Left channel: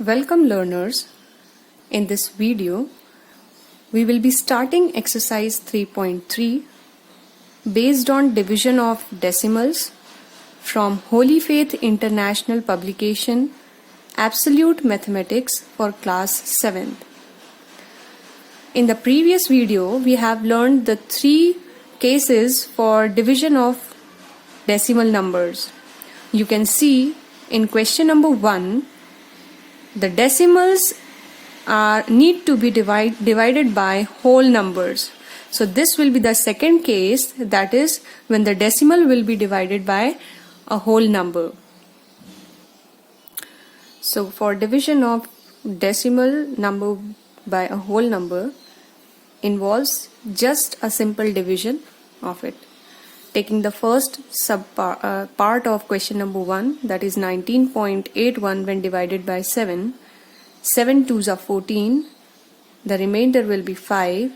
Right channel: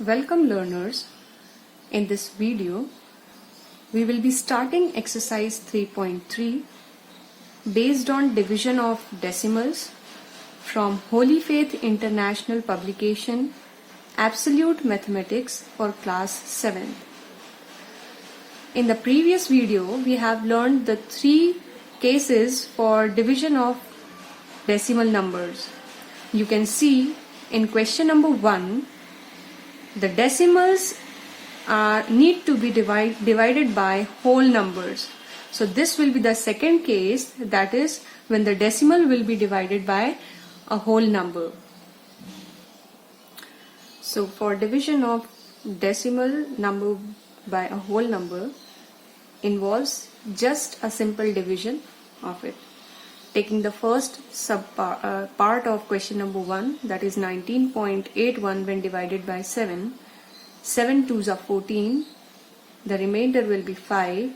Welcome learners. In this video, we will be starting exercise 3.3 based on division of decimals from Holy Faith International publication Absolute Mathematics for class 7th. In the previous video, we have learned the 3 cases for division of decimal numbers. You can see in question number 1, the decimals need to be divided by whole numbers. So this will be the second case, that is when the decimal will be divided by a whole number. So for division of decimal number by a whole number involves just a simple division of it. Taking the first part of question number 1, that is 19.81 when divided by 7, 7 2s are 14, the remainder will be 5.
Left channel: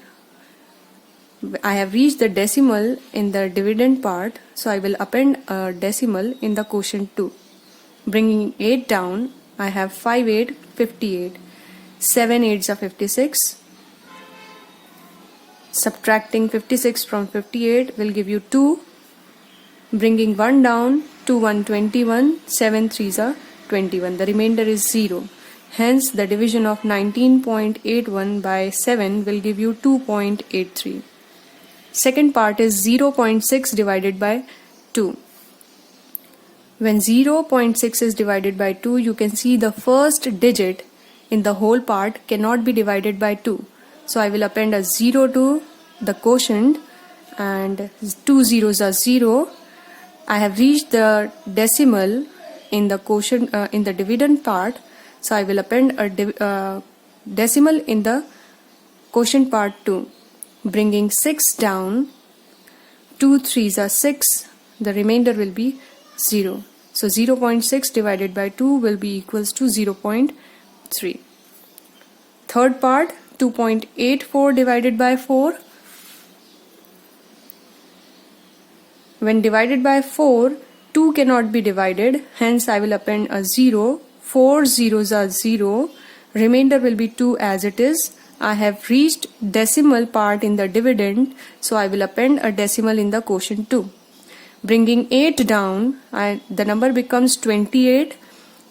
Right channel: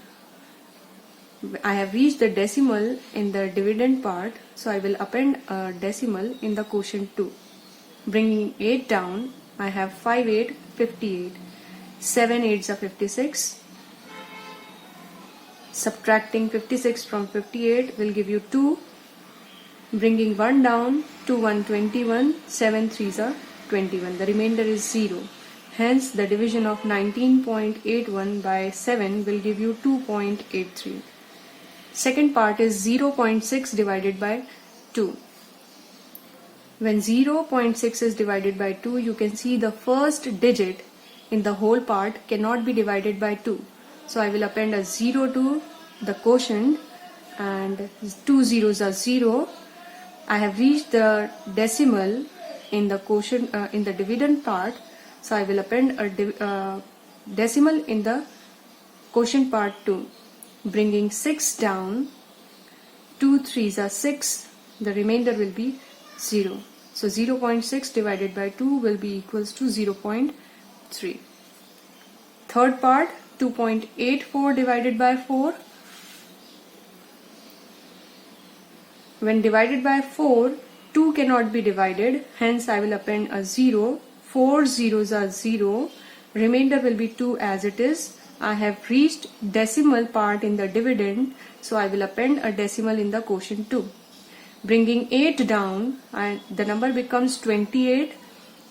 I have reached the decimal in the dividend part, so I will append a decimal in the quotient 2. Bringing 8 down, I have 5 8, 58, 7 8s are 56. Subtracting 56 from 58 will give you 2. Bringing 1 down, 2 1 21, 7 3s are 21. The remainder is 0. Hence, the division of 19.81 by 7 will give you 2.83. Second part is 0.6 divided by 2. When 0.6 is divided by 2, you can see the first digit in the whole part cannot be divided by 2. So I will append a 0 to the quotient, and 2 zeros are 0. I have reached the decimal in the quotient in the dividend part, so I will append a decimal in the quotient part 2. Bringing 6 down, 2 3s are 6, the remainder will be 0. So 0.6 divided by 2 will be equals to 0.3. Third part, 2.84 divided by 4. When divided by 4, 2 cannot be divided, hence I will append a 0. 4 zeros are 0, remainder will be 2 as it is. I have reached decimal part in the dividend, so I will append a decimal in the quotient 2. Bringing 8 down, the number becomes 28.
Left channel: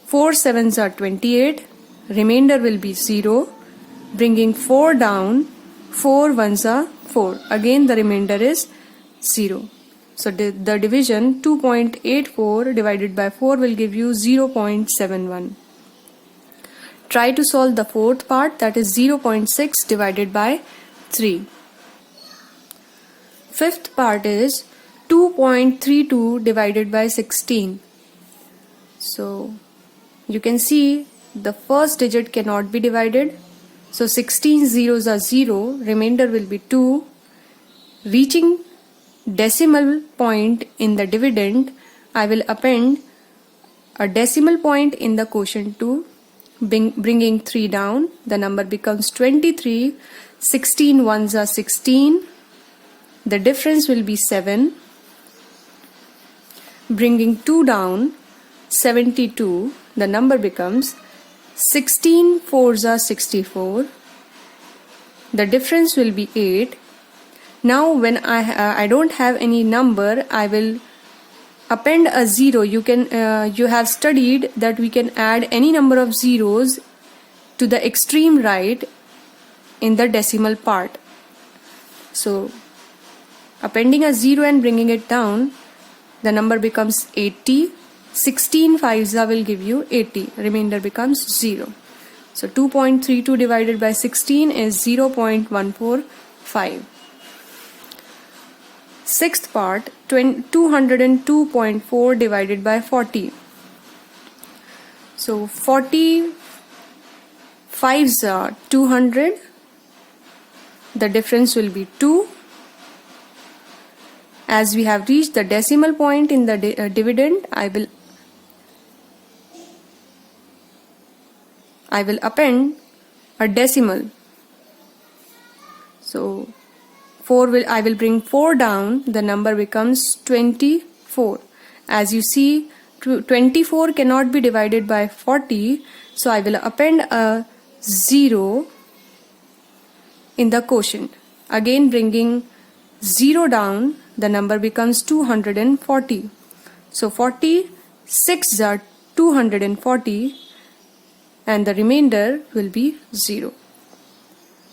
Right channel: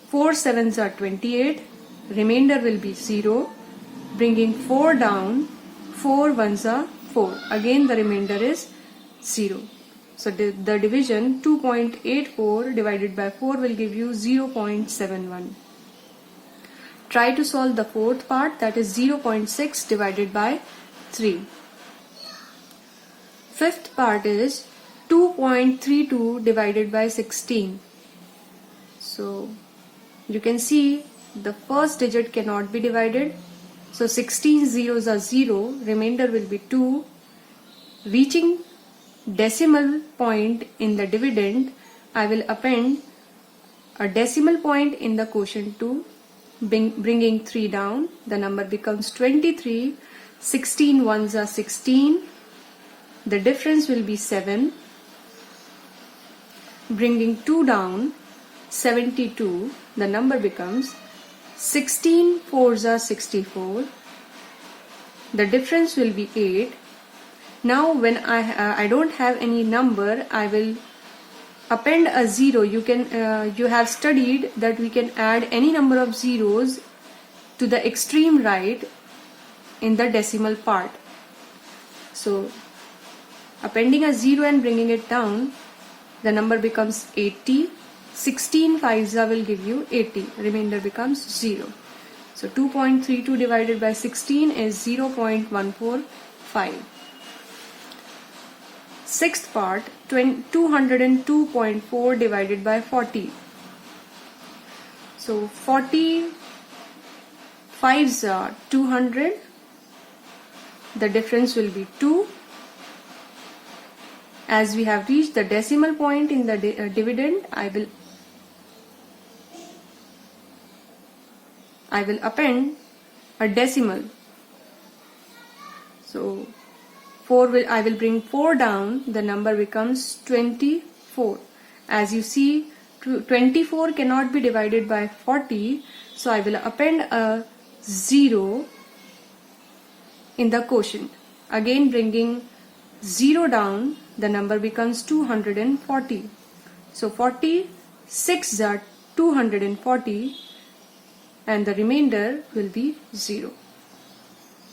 4 7s are 28, remainder will be 0. Bringing 4 down, 4 1s are 4, again the remainder is 0. So the division 2.84 divided by 4 will give you 0.71. Try to solve the fourth part, that is 0.6 divided by 3. Fifth part is 2.32 divided by 16. So you can see the first digit cannot be divided. So 16 zeros are 0, remainder will be 2. Reaching decimal point in the dividend, I will append a decimal point in the quotient 2. Bringing 3 down, the number becomes 23. 16 1s are 16, the difference will be 7. Bringing 2 down, 72, the number becomes 16 4s are 64, the difference will be 8. Now when I don't have any number, I will append a 0. You have studied that we can add any number of zeros to the extreme right in the decimal part. So appending a 0 and bringing it down, the number becomes 80. 16 5s will give you 80, remainder becomes 0. So 2.32 divided by 16 is 0.145. Sixth part, 202.4 divided by 40. So 40 5s are 200, the difference will be 2. As we have reached the decimal point in the dividend, I will append a decimal. So I will bring 4 down, the number becomes 24. As you see, 24 cannot be divided by 40, so I will append a 0 in the quotient. Again bringing 0 down, the number becomes 240. So 46 are 240 and the remainder will be 0.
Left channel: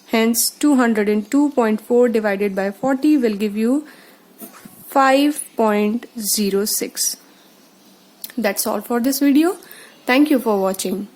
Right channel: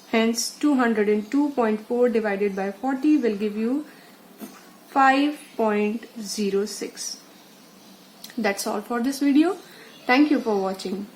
Hence 202.4 divided by 40 will give you 5.06. That's all for this video. Thank you for watching.